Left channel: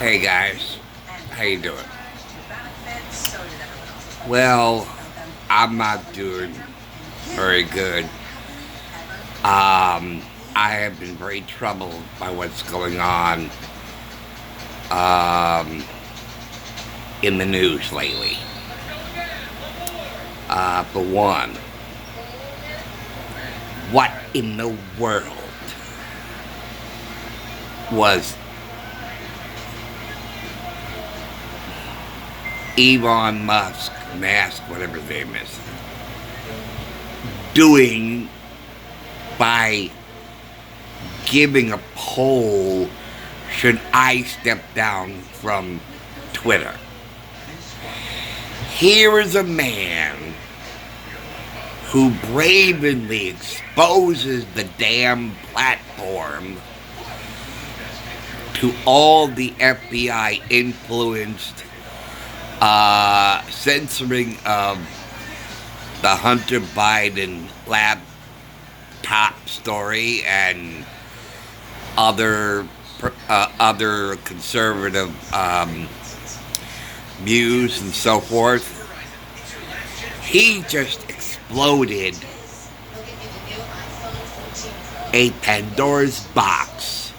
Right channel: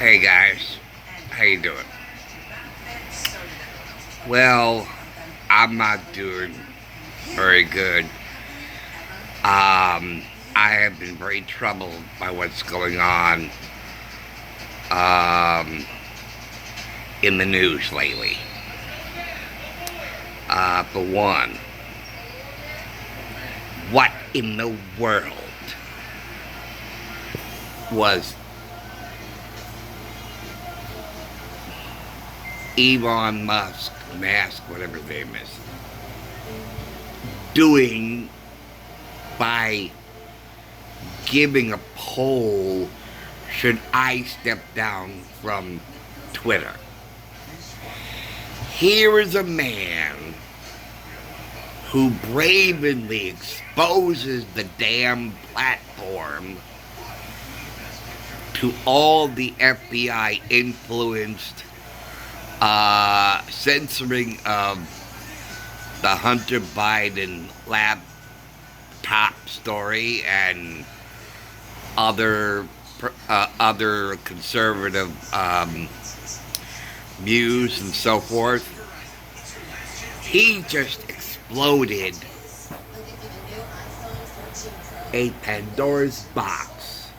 Hey guys, how you doing? Well, I'm not doing very good. I have been very troubled by what's going on um, in the news lately. For one, what in the world was Musk, whatever his name is, doing by giving a poll, should I step down from Twitter? Here is a man who bravely exposes the damn platform to all the FBI influenced censoring of the Hunter Biden laptop story and other conservative views and so forth. He just exploded a Pandora's box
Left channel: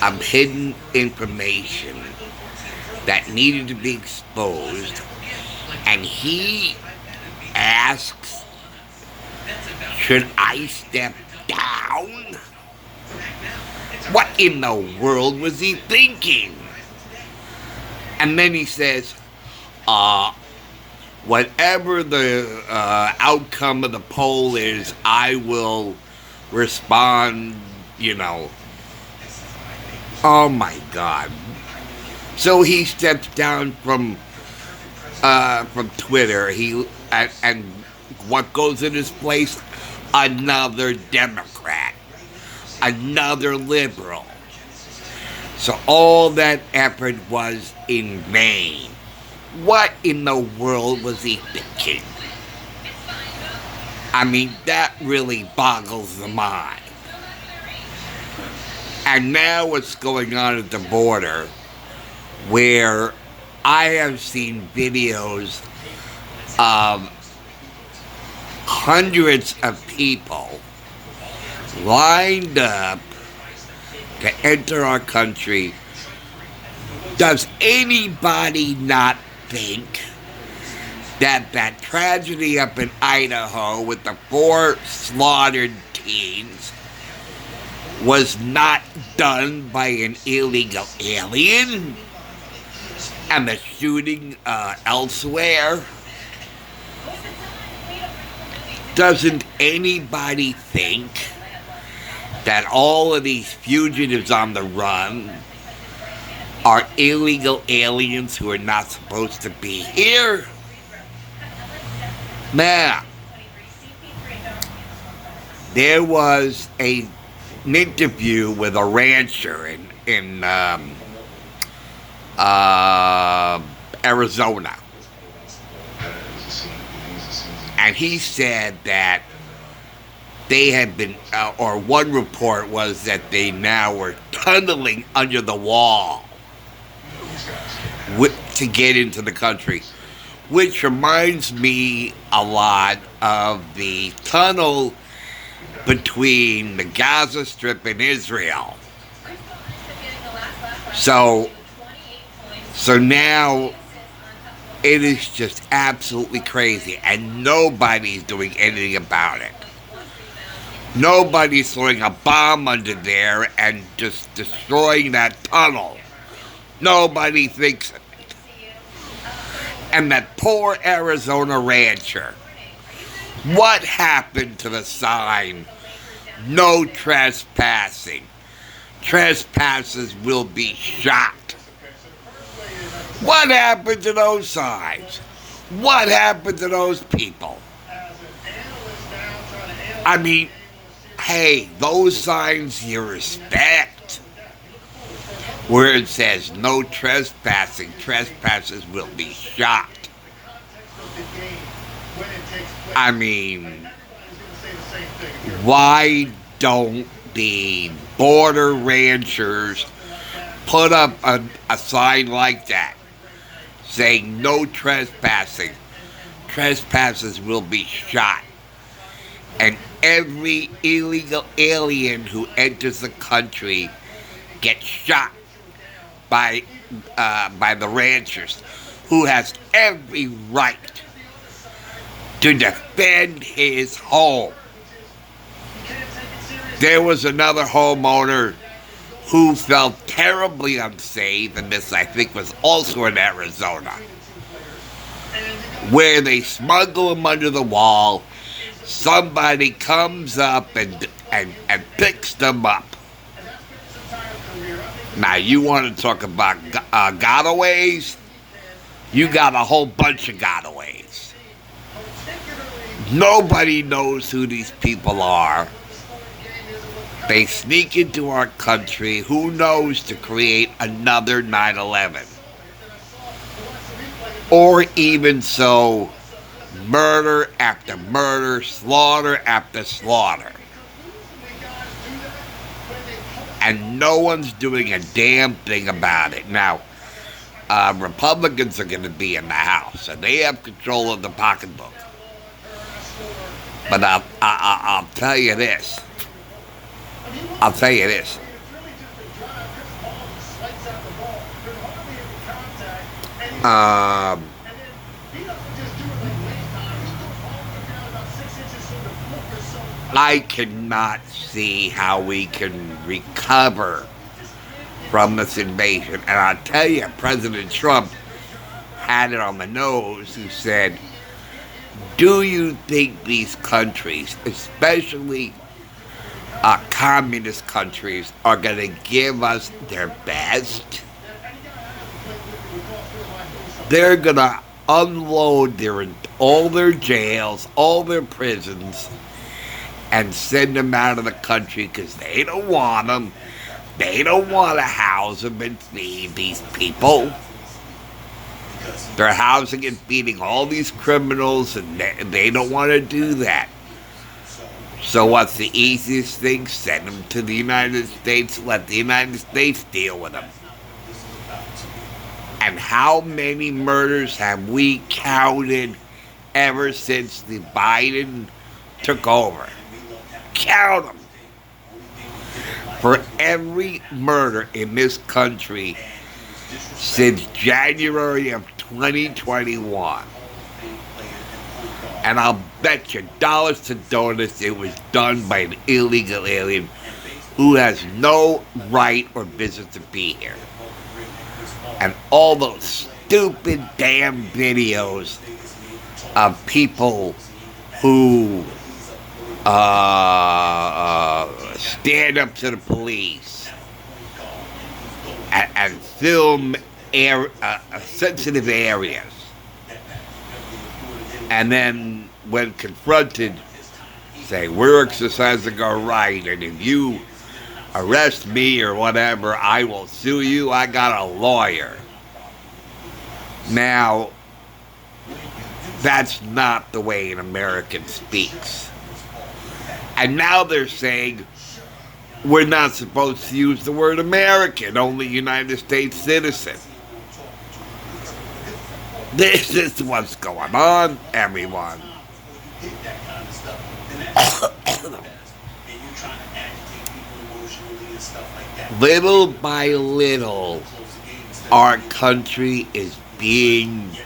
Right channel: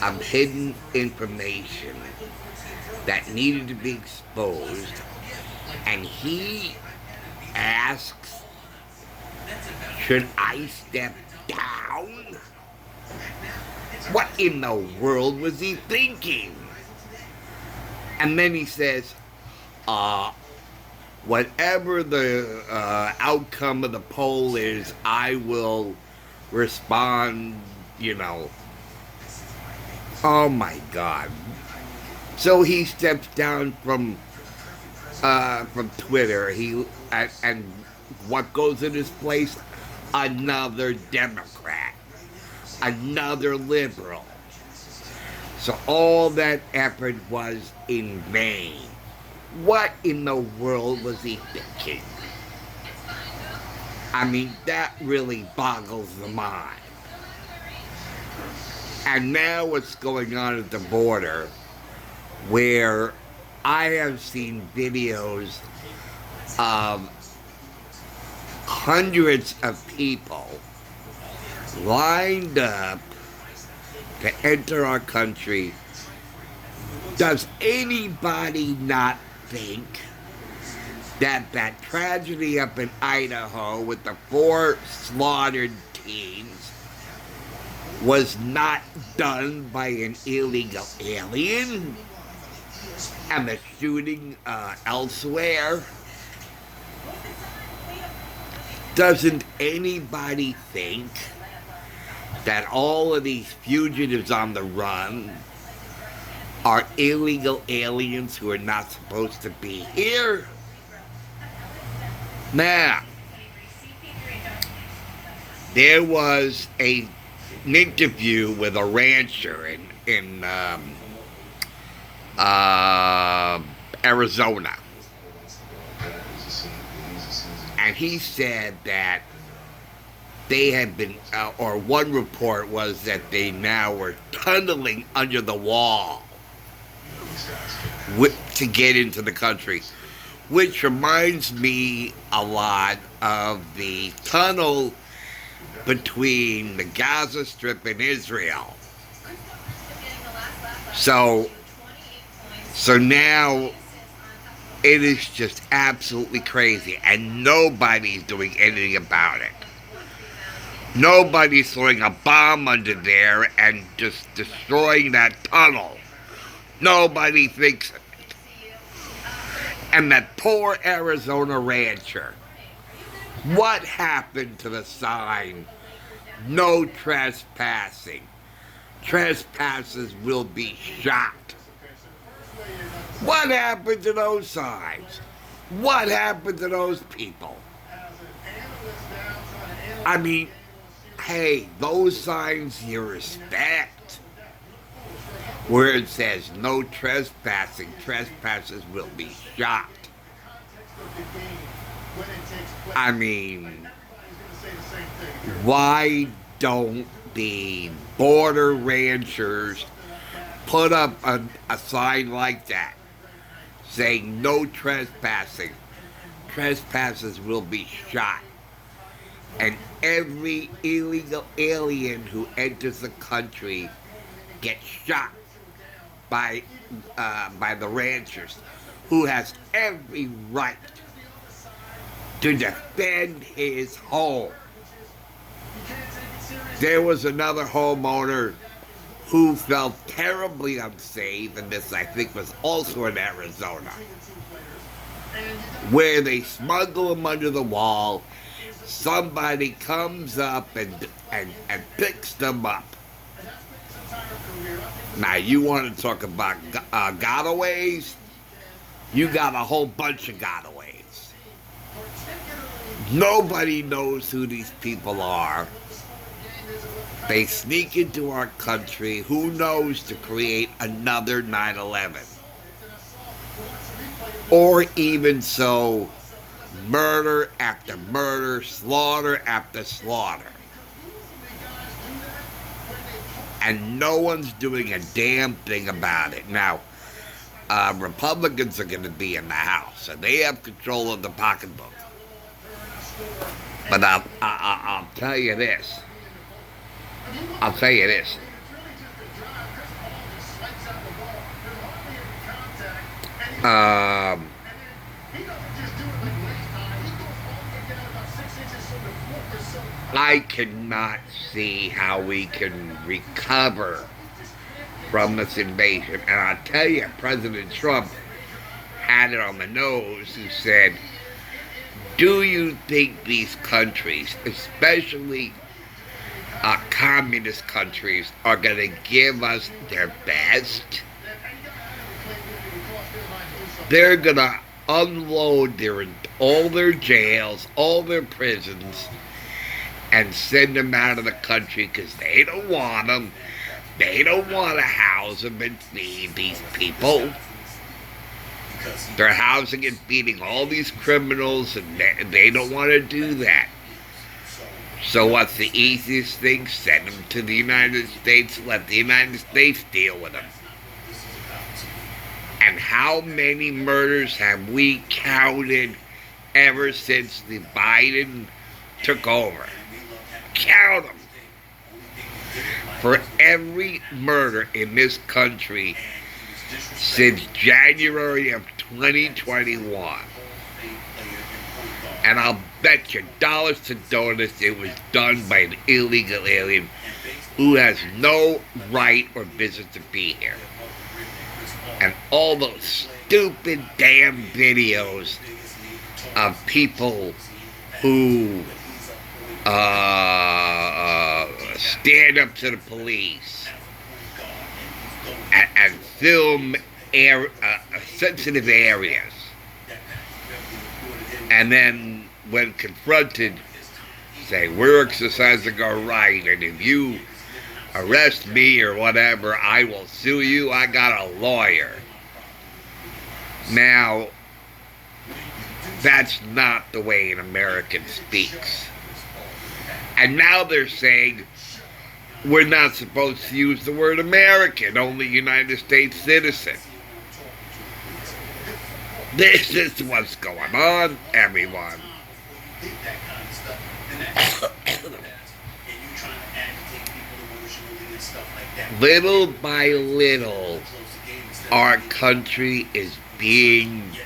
of hidden information that needed to be exposed, and he asks, should I step down? What in the world was he thinking? And then he says, whatever the outcome of the poll is, I will respond, Oh my God. So he steps down from Twitter. And what goes in his place? Another Democrat, another liberal. So all that effort was in vain. What in the world was he thinking? I mean, that really boggles the mind. And now what's going on at the border, where I have seen videos of hundreds of people lined up to enter our country. Does anybody not think that tragedy up in Idaho with the 4 slaughtered teens was not done by an illegal alien? And the shooting elsewhere? Doesn't anybody think that all of these fugitives on the run are illegal aliens who are not supposed to be here? Now, there was an interview with a rancher in Arizona. And he said that they had been, or one report was that they now were tunneling under the wall to get into the country, which reminds me a lot of the tunnel between the Gaza Strip and Israel. So now it is just absolutely crazy, and nobody's doing anything about it. Nobody's throwing a bomb under there and just destroying that tunnel. Nobody thinks of it. And that poor Arizona rancher. What happened to the sign, no trespassing? Trespassers will be shot. What happened to those signs? What happened to those people? I mean, hey, those signs you respect, where it says no trespassing, trespassers will be shot. I mean, why don't the border ranchers put up a sign like that saying no trespassing. Trespassers will be shot. And every illegal alien who enters the country gets shot by the ranchers, who has every right to defend his home. There was another homeowner who felt terribly unsafe, and this I think was also in Arizona, where they smuggle him under the wall. Somebody comes up and picks them up. Now, you want to talk about gotaways? You got a whole bunch of gotaways. Nobody knows who these people are. They sneak into our country, who knows, to create another 9/11. Or even so, murder after murder, slaughter after slaughter. And no one's doing a damn thing about it. Now, Republicans are going to be in the House, and they have control of the pocketbook. But I'll tell you this. I cannot see how we can recover from this invasion. And I'll tell you, President Trump had it on the nose, who said, do you think these countries, especially communist countries, are going to give us their best? They're going to unload all their jails, all their prisons, and send them out of the country because they don't want them. They don't want to house them and feed these people. They're housing and feeding all these criminals, and they don't want to do that. So what's the easiest thing? Send them to the United States, let the United States deal with them. And how many murders have we counted ever since the Biden took over? Count them. For every murder in this country since January of 2021. And I'll bet you dollars to donuts it was done by an illegal alien who has no right or business to be here. And all those stupid damn videos of people who stand up to the police and film sensitive areas, and then when confronted say, we're exercising our right, and if you arrest me or whatever, I will sue you. I got a lawyer. Now, that's not the way an American speaks. And now they're saying we're not supposed to use the word American, only United States citizen. This is what's going on, everyone. Little by little, our country is being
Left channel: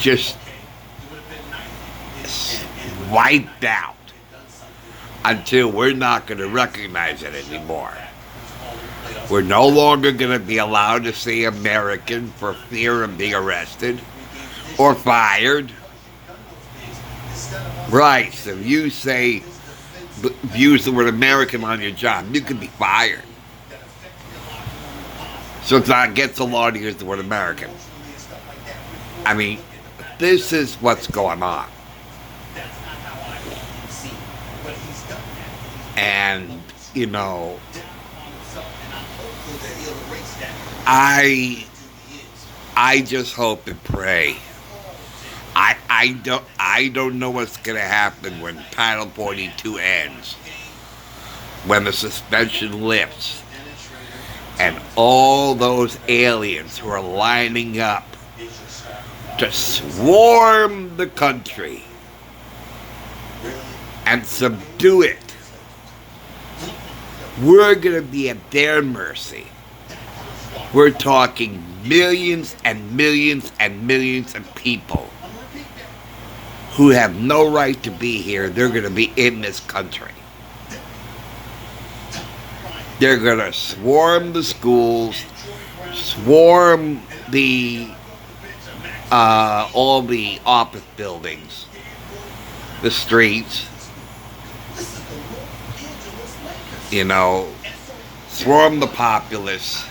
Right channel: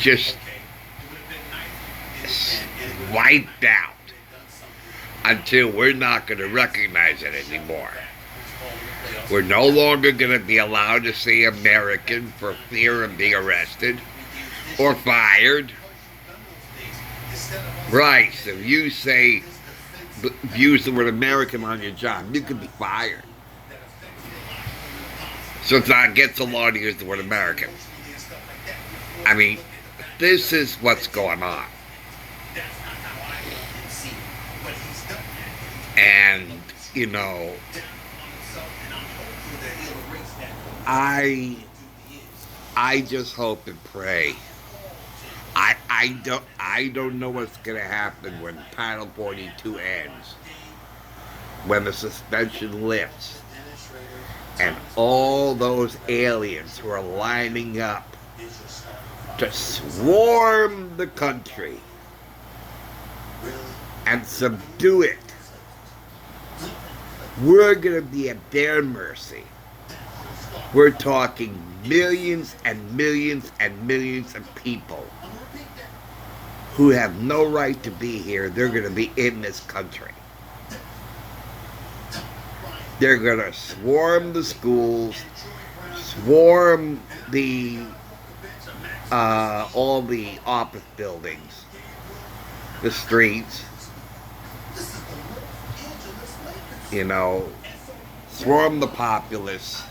just wiped out until we're not going to recognize it anymore. We're no longer going to be allowed to say American for fear of being arrested or fired. Right, so if you use the word American on your job, you could be fired. So it's not against the law to use the word American. I mean, this is what's going on. And, you know, I just hope and pray. I don't know what's going to happen when Title 42 ends, when the suspension lifts. And all those aliens who are lining up to swarm the country and subdue it, we're going to be at their mercy. We're talking millions and millions and millions of people who have no right to be here. They're going to be in this country. They're going to swarm the schools, swarm the all the office buildings, the streets, you know, swarm the populace,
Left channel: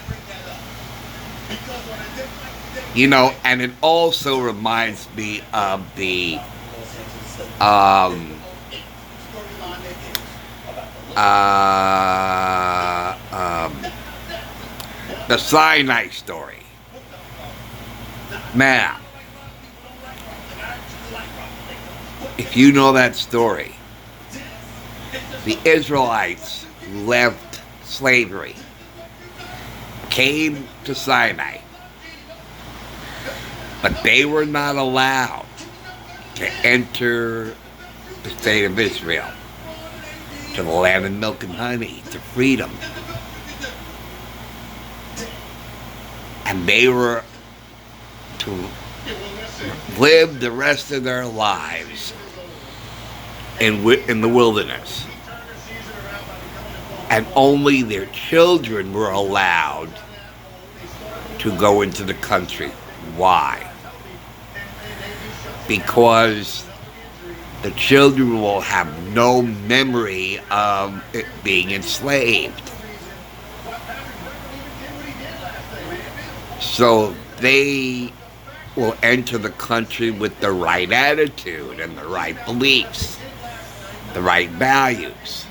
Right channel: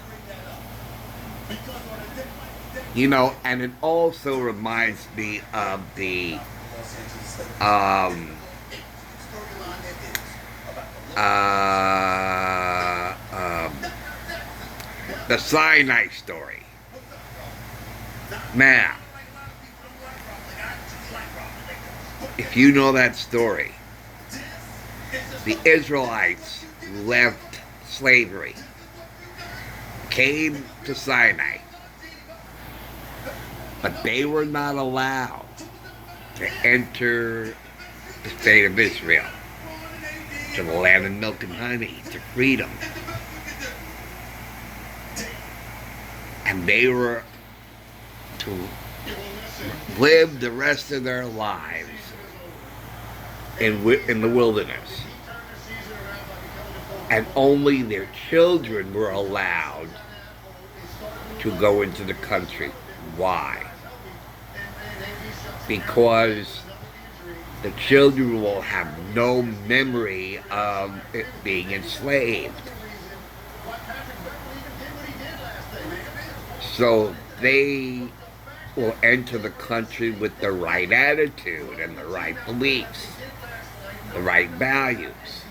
you know. And it also reminds me of the Sinai story. Now, if you know that story, the Israelites left slavery, came to Sinai, but they were not allowed to enter the state of Israel, to the land of milk and honey, to freedom. And they were to live the rest of their lives in the wilderness. And only their children were allowed to go into the country. Why? Because the children will have no memory of it being enslaved. So they will enter the country with the right attitude and the right beliefs, the right values.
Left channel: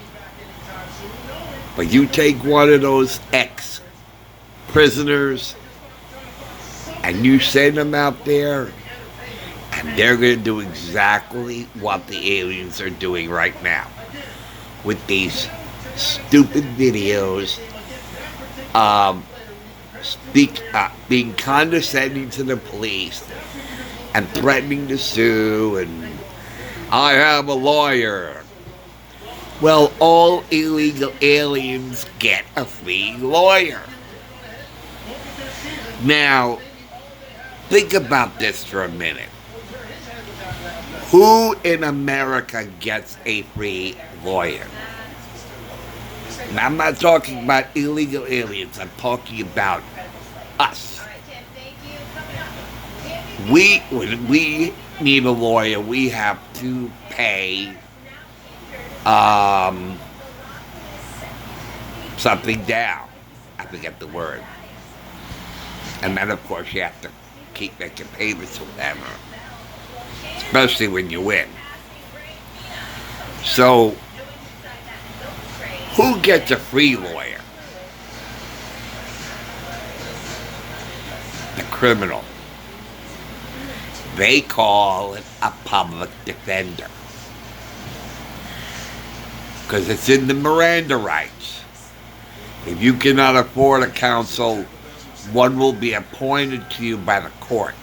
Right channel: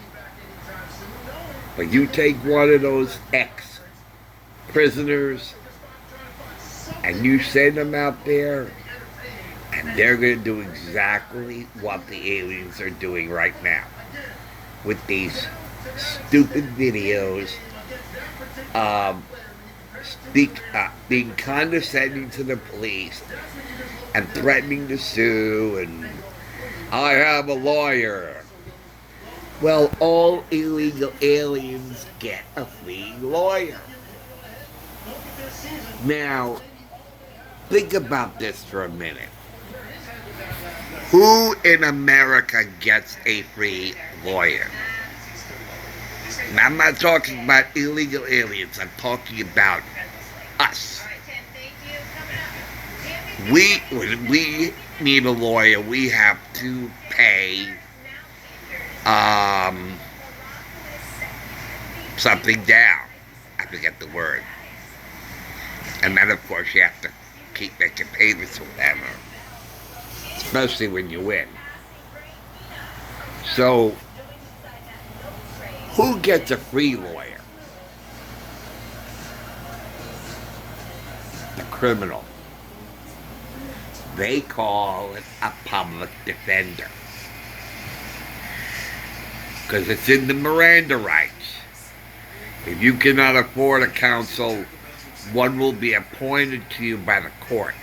But you take one of those ex-prisoners and you send them out there, and they're going to do exactly what the aliens are doing right now with these stupid videos, being condescending to the police and threatening to sue, and I have a lawyer. Well, all illegal aliens get a free lawyer. Now, think about this for a minute. Who in America gets a free lawyer? Now, I'm not talking about illegal aliens. I'm talking about us. When we need a lawyer, we have to pay something down. I forget the word. And then, of course, you have to keep making payments or whatever, especially when you win. So, who gets a free lawyer? The criminal. They call it a public defender, because it's in the Miranda rights. If you cannot afford a counsel, one will be appointed to you by the court,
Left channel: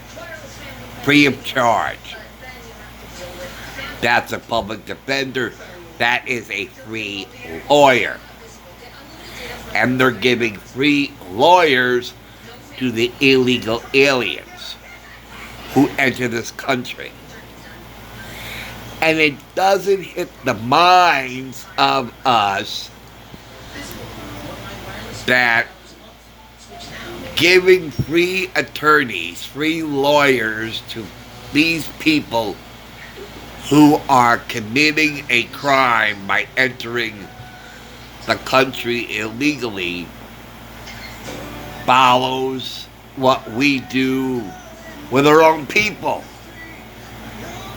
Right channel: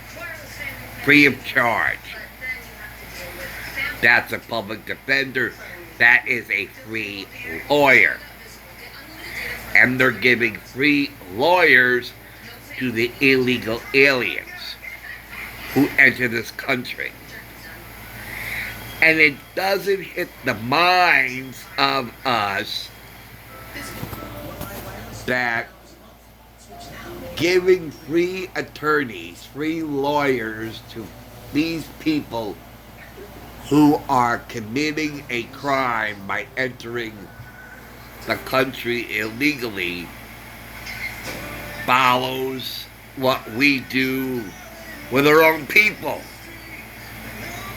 free of charge. That's a public defender. That is a free lawyer. And they're giving free lawyers to the illegal aliens who enter this country. And it doesn't hit the minds of us that giving free attorneys, free lawyers to these people who are committing a crime by entering the country illegally follows what we do with our own people.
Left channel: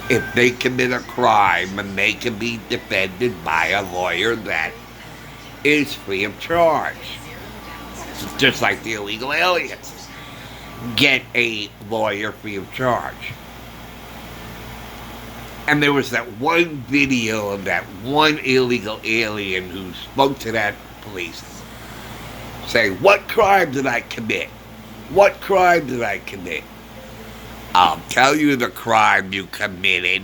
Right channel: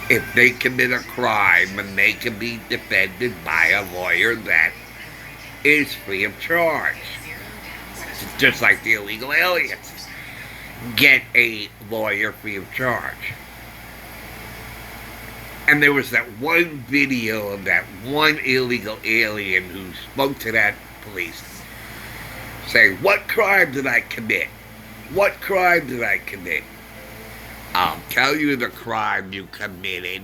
If they commit a crime, and they can be defended by a lawyer that is free of charge. Just like the illegal aliens get a lawyer free of charge. And there was that one video of that one illegal alien who spoke to that police, Say, what crime did I commit? What crime did I commit? I'll tell you the crime you committed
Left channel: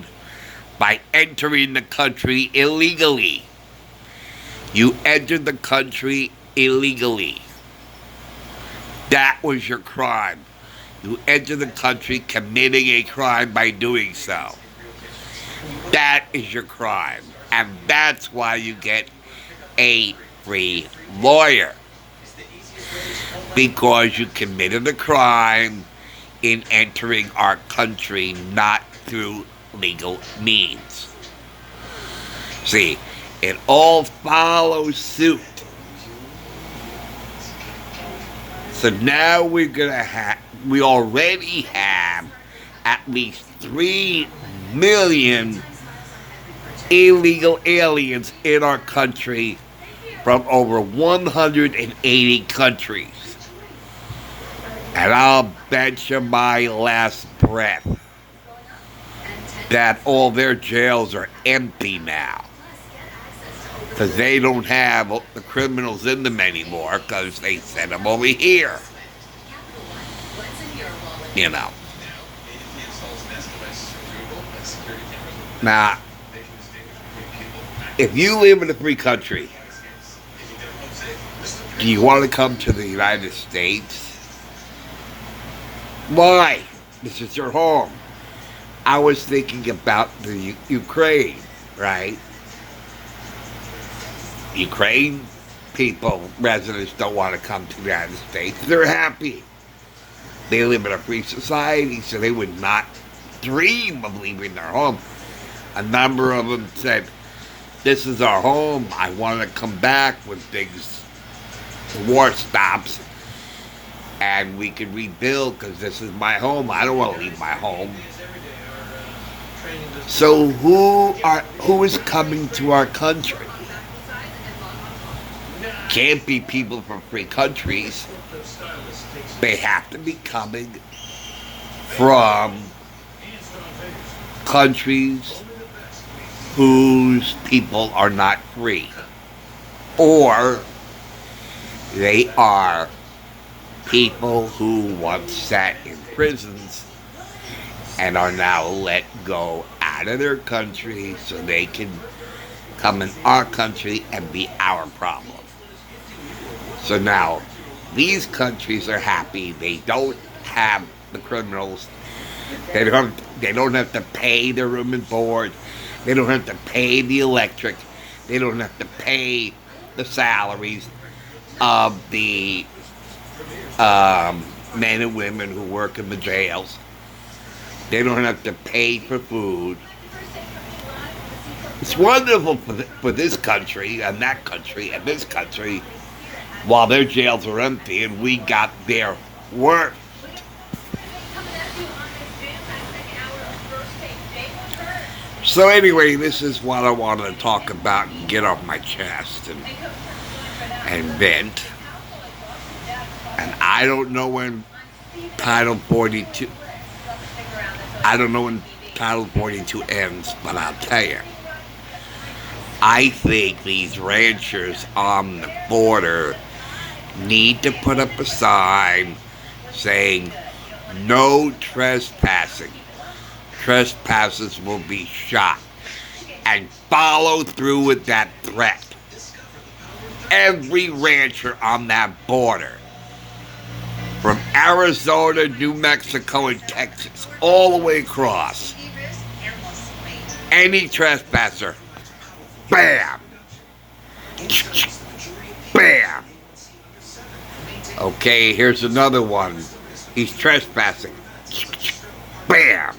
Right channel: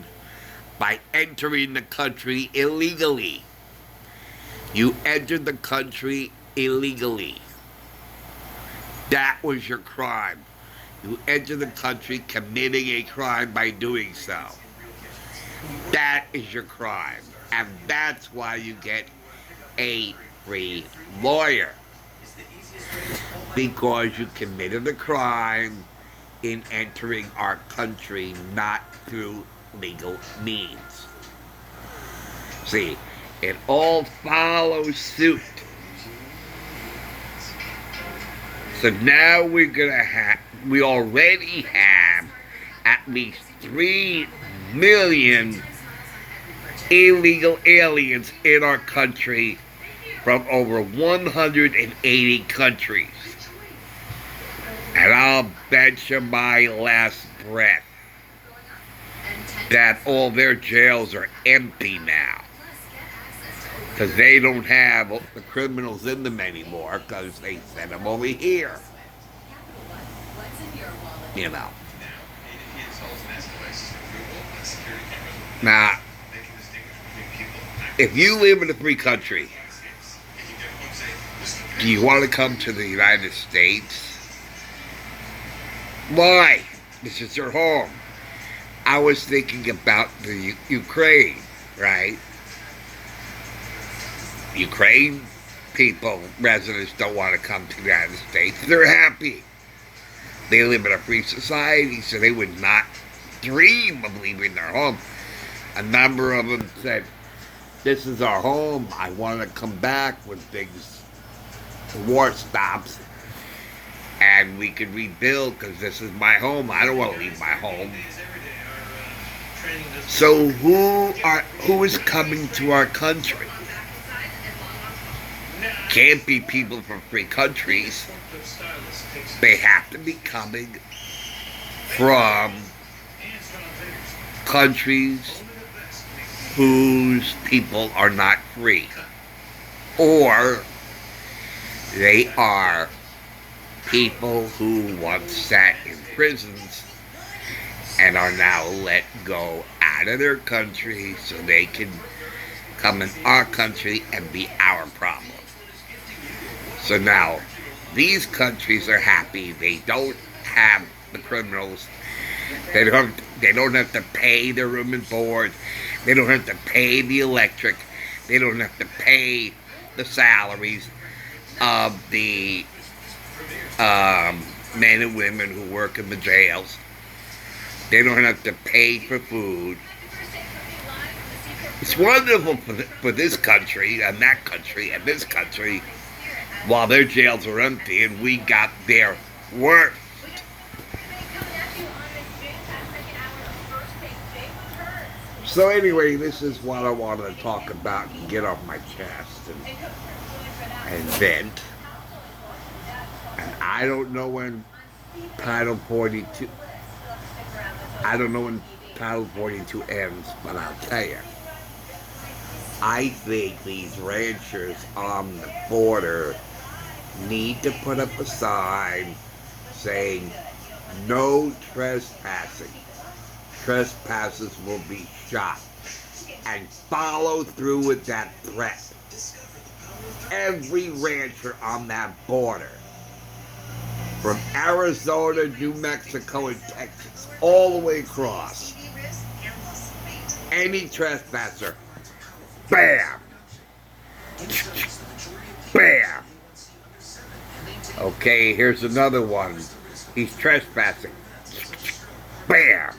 by entering the country illegally. You entered the country illegally. That was your crime. You entered the country committing a crime by doing so. That is your crime. And that's why you get a free lawyer. Because you committed a crime in entering our country not through legal means. See, it all follows suit. So now we already have at least 3 million illegal aliens in our country from over 180 countries. And I'll bet you my last breath that all their jails are empty now. Because they don't have the criminals in them anymore because they sent them over here. You know. Now, if you live in a free country, do you want to come to the United States? Why? This is your home. I was thinking about the Ukraine, right? Ukraine people, residents don't want to come to the United States. They're happy. They live in a free society, so they would not dream of leaving their home. A number of them said, this is our home. I want to come back when the war stops and we can rebuild because this is my home. I don't want to leave my home. So who is coming to our country? Can't be people from free countries. They have to be coming from countries whose people are not free. Or they are people who once sat in prisons and are now let go out of their country so they can come in our country and be our problem. So now, these countries are happy. They don't have the criminals. They don't have to pay their room and board. They don't have to pay the electric. They don't have to pay the salaries of the men and women who work in the jails. They don't have to pay for food. It's wonderful for this country and that country and this country while their jails are empty and we got their work. So anyway, this is what I wanted to talk about and get off my chest and vent. And I don't know when Title 42 ends, but I'll tell you. I think these ranchers on the border need to put up a sign saying no trespassing. Trespassers will be shot. And follow through with that threat. Every rancher on that border, from Arizona, New Mexico, and Texas, all the way across, any trespasser, bam! Bam! Okay, here's another one. He's trespassing. Bam!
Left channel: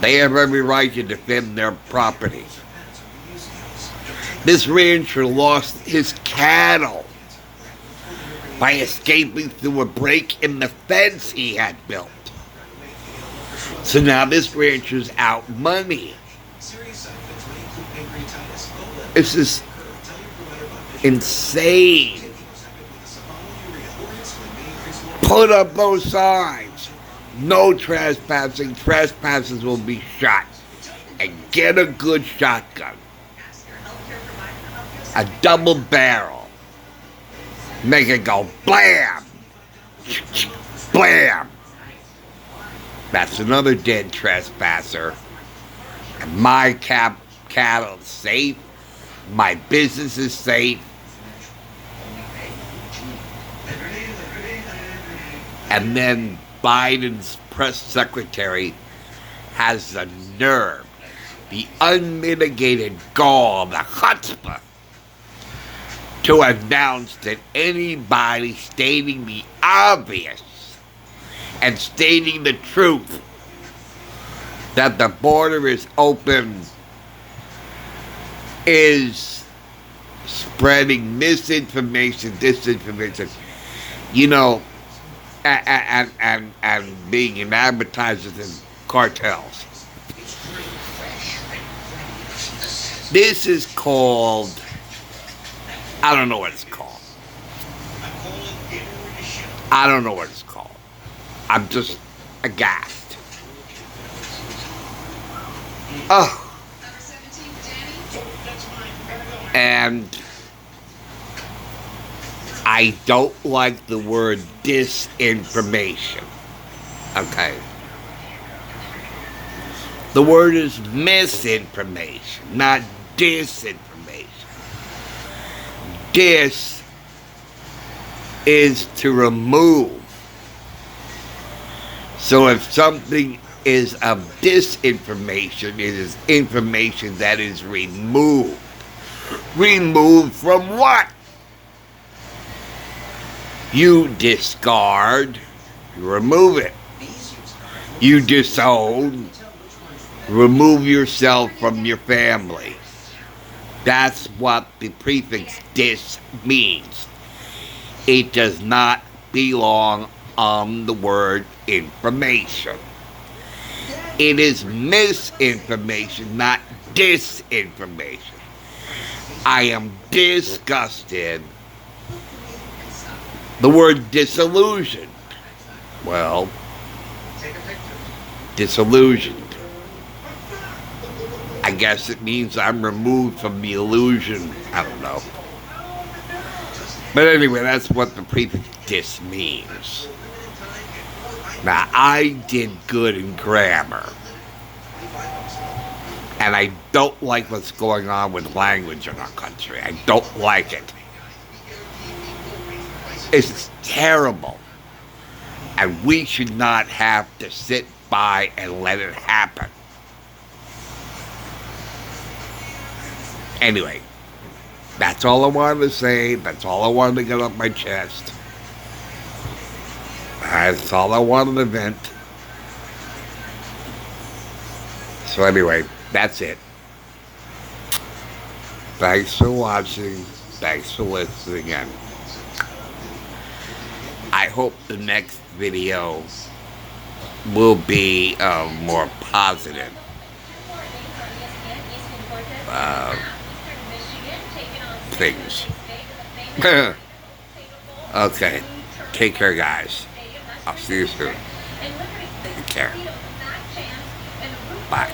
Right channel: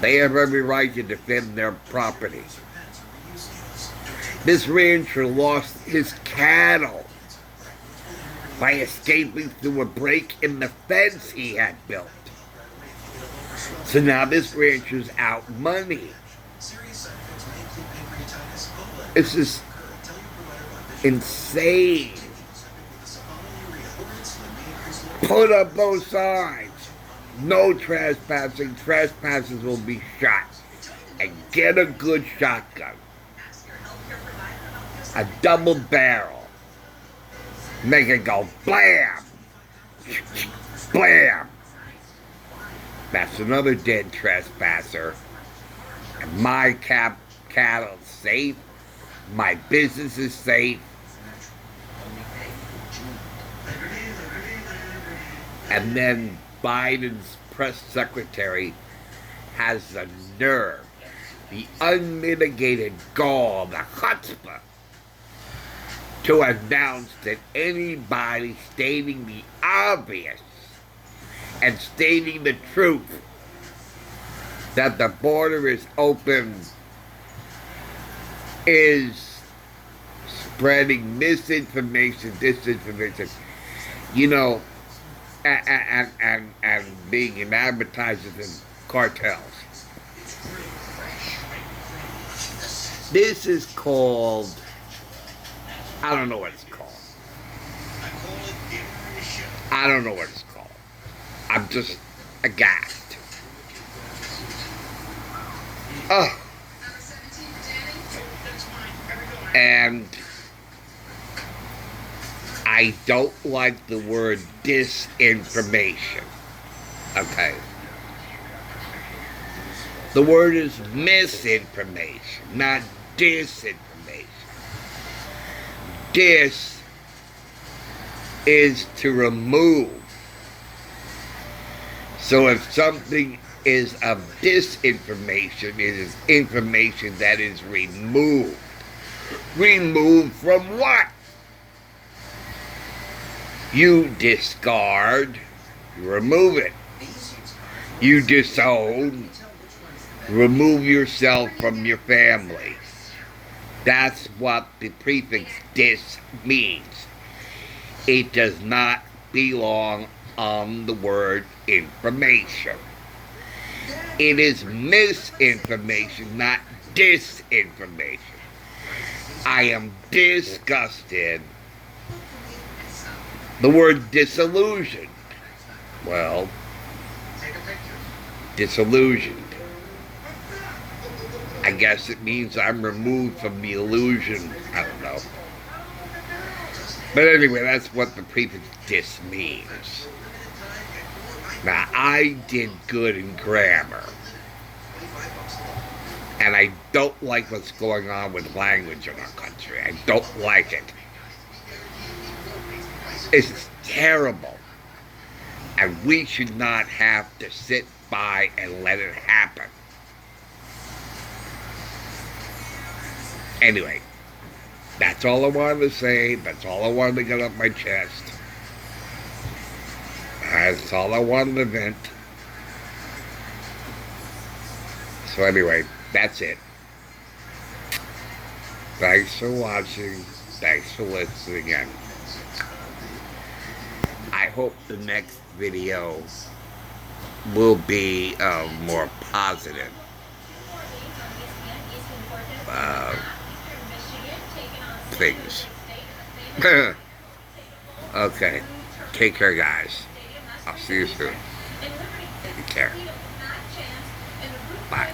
They have every right to defend their property. This rancher lost his cattle by escaping through a break in the fence he had built. So now this rancher's out money. This is insane. Put up those signs. No trespassing. Trespassers will be shot. and get a good shotgun, a double barrel, make it go blam, blam. That's another dead trespasser. And my cattle is safe. My business is safe. And then Biden's press secretary has the nerve, the unmitigated gall, the chutzpah, to announce that anybody stating the obvious and stating the truth that the border is open is spreading misinformation, disinformation, you know, and being in advertisers and cartels. This is called, I don't know what it's called. I don't know what it's called. I'm just aghast. Oh. And I don't like the word disinformation. Okay. The word is misinformation, not disinformation. Dis is to remove. So if something is of disinformation, it is information that is removed. Removed from what? You discard, you remove it. You disown, remove yourself from your family. That's what the prefix dis means. It does not belong on the word information. It is misinformation, not disinformation. I am disgusted. The word disillusioned. Well, disillusioned. I guess it means I'm removed from the illusion. I don't know. But anyway, that's what the prefix dis means. Now, I did good in grammar. And I don't like what's going on with language in our country. I don't like it. It's terrible. And we should not have to sit by and let it happen. Anyway, that's all I wanted to say. That's all I wanted to get off my chest. That's all I wanted to vent. So anyway, that's it. Thanks for watching. Thanks for listening in. I hope the next video will be more positive. Things. Okay. Take care, guys. I'll see you soon. Take care. Bye.